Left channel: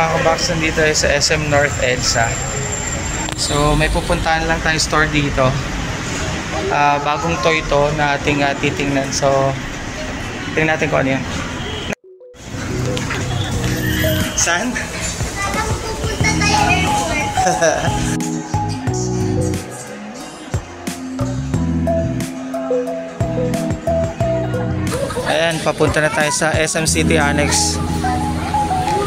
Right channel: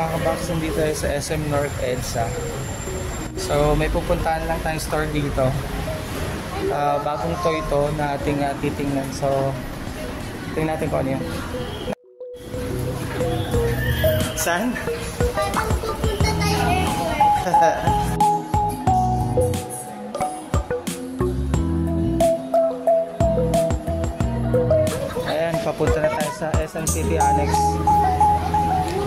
mga kabox, nandito tayo sa SM North EDSA. So may pupuntahan lang tayong store dito. Bagong toy to na ating titingnan. So tingnan natin kung ano yan. Saan? Ayan, papunta na tayo sa SM City Annex.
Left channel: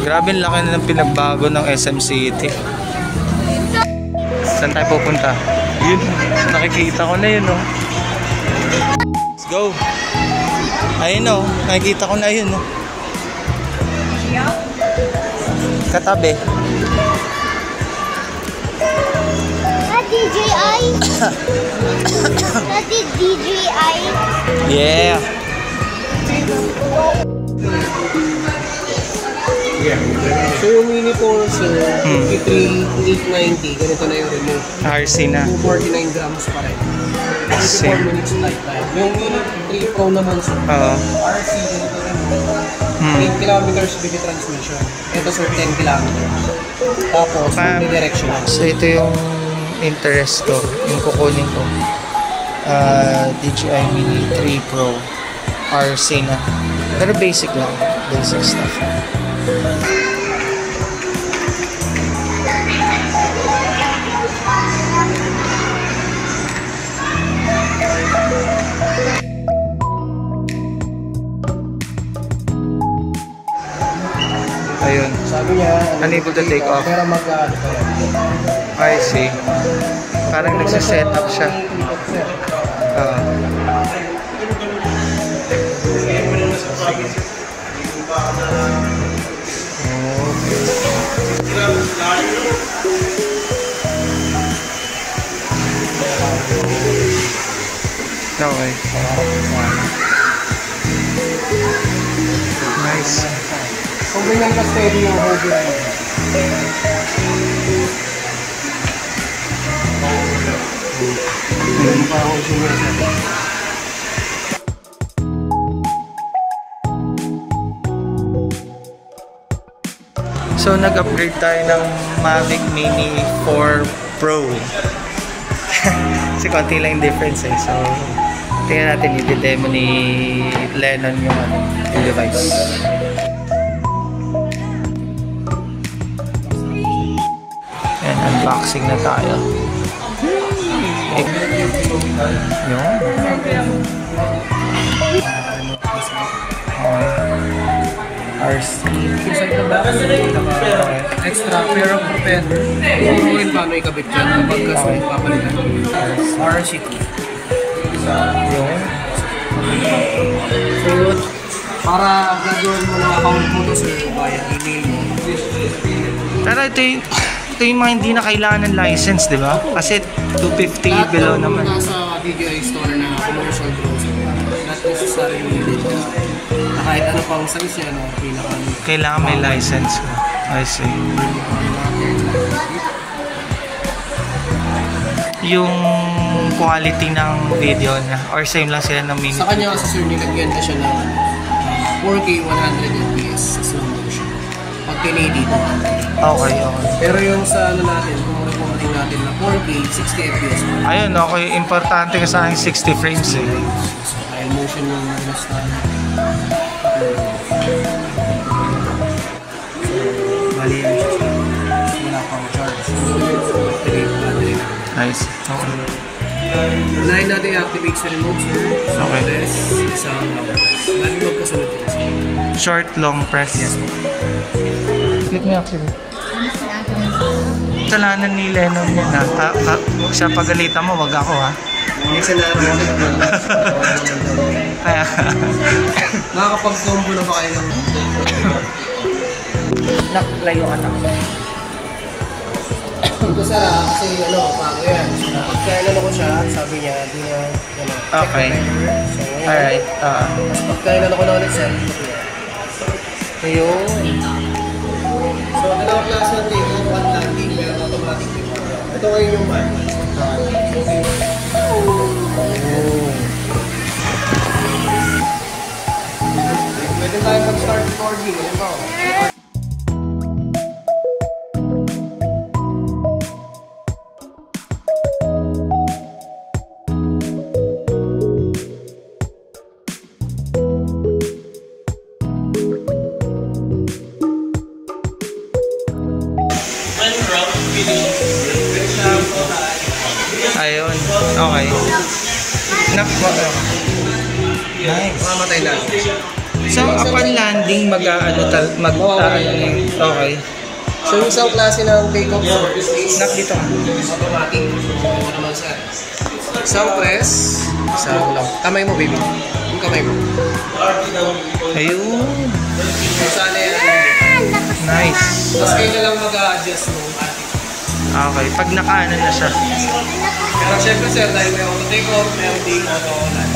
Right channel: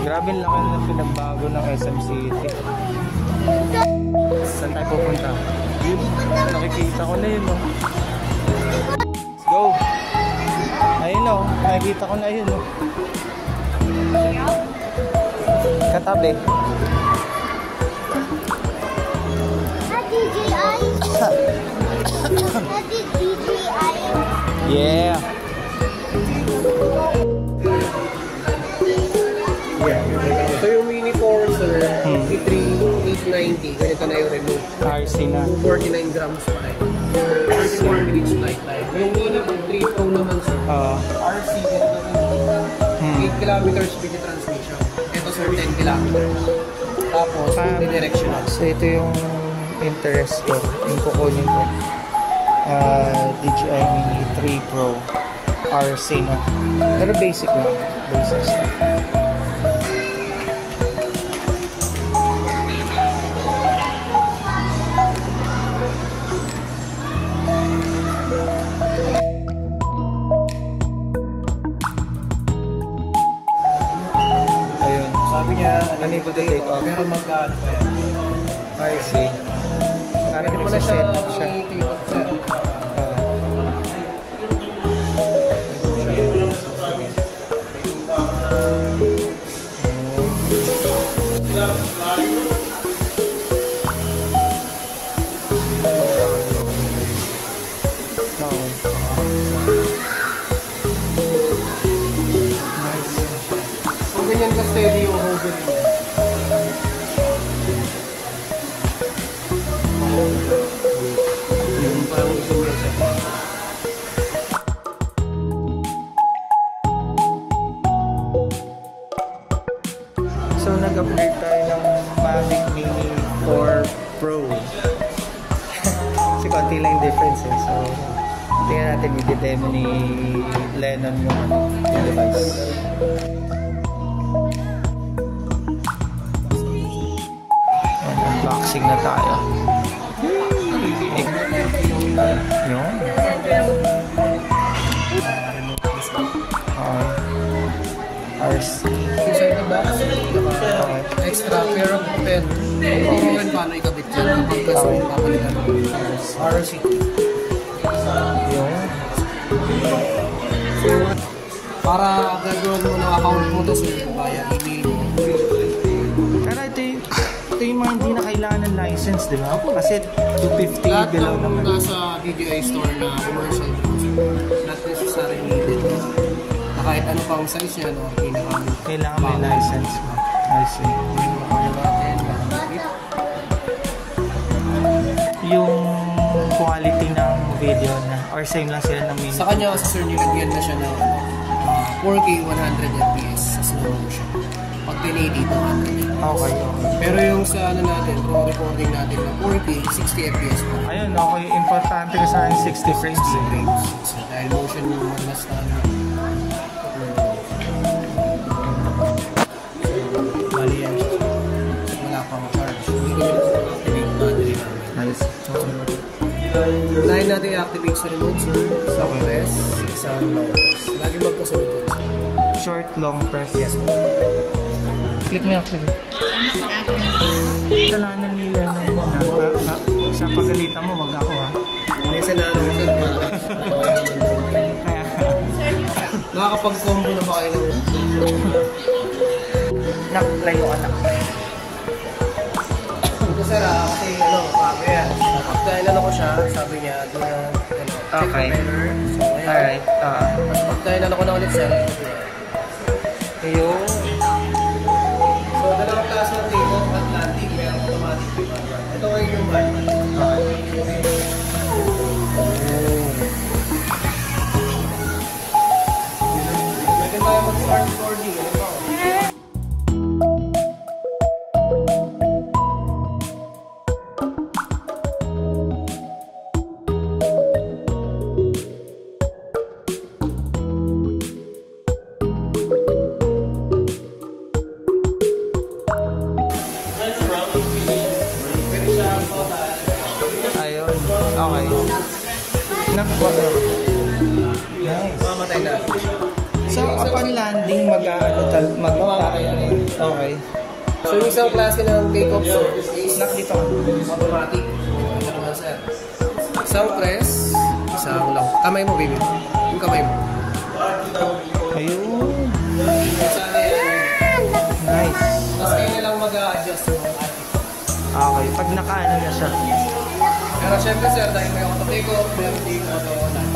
Grabe ang laki na ng pinagbago ng SM City. Saan tayo pupunta? Yun, nakikita ko na yun, oh. Let's go! Ayun, oh, nakikita ko na yun, oh. Katabi. DJI. DJI. Yeah. So yung Mini Forcer 53,890, ganito na yung remove. RC na. 249 grams pa rin. 4 minutes flight time. Yung Mini 3 Pro naman sir, RC ganito rin. 8 kilometers video transmission. Ito sir, 10 kilometers. Tapos, unidirectional. So ito yung interest ko, yung kukunin ko. DJI Mini 3 Pro RC na. Pero basic lang, basic stuff. Ayun. Sabi niya, unable to take off. Pero mag-ano pa yan. I see. Parang nagsiset up siya. No way. Nice. Kung ganyan ka steady yung hold line. So nag-upgrade tayo ng Mavic Mini 4 Pro. Kasi konti lang yung difference eh. So tingnan natin, i-demo ni Lennon yung device. And unboxing na tayo. Yun. RC. Extra pair of pen. Kung rin paano ikabit dyan kapag kaso papalitan. RC. Para gagawin mo mga account mo doon sa bayan, email mo. Pero ito yung mga hindi na kailangan ng license, di ba? Kasi 250 below naman. Nasa DJI store na commercial not necessarily needed na kahit ano pang size yan, no? Kailangan may license. I see. Yung quality ng video niya or same lang sila ng Mini. Sa kanya kasi sir, nilagyan na siya ng 4K 100 FPS slow motion. Pag 1080 Okay. pero yung sa ano natin, kung recording natin na 4K 60 FPS. Ayun, okay. Importante ka sa akin 60 frames eh. So, high motion yung mas bali yan siya. Wala pang charge. Nice. Okay. Unahin natin i-activate sa remote sir. Okay. Press isang long press. Lagi mo po sa Short, long press. Yes. Click mo yung activate. Kasalanan ni Lennon yun ha. Sa pagalitan mo, wag ako ha. Minsan na Kaya nakakapag-combo na ba kayo? layo ka na. Dito sa kasi ano, paano yan. Pag kailan ko siya, sabi niya, Okay. Alright. Pag kailan ako na ulit sir. Ayun. So, dalawang klase ng take-off at landing, pero automatic. Ito ngayon yung van. Pwede tayo mag-start recording. Nice. Mamatay na. So, upon landing, okay. So, yung isang klase ng take-off force is Nak dito ka. automatic. Ito naman, sir. Isang press, isang lock. Kamay mo, baby. Yung kamay mo. Ayun. Sana yan. Nice. Tapos kayo na lang mag-a-adjust yung altitude. Okay, pag nakaano na siya. Pero syempre, sir, dahil may auto take-off, may auto-land.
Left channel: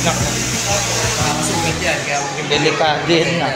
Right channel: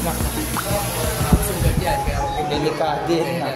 Naku, Nakasugat yan, kaya delikado yan na.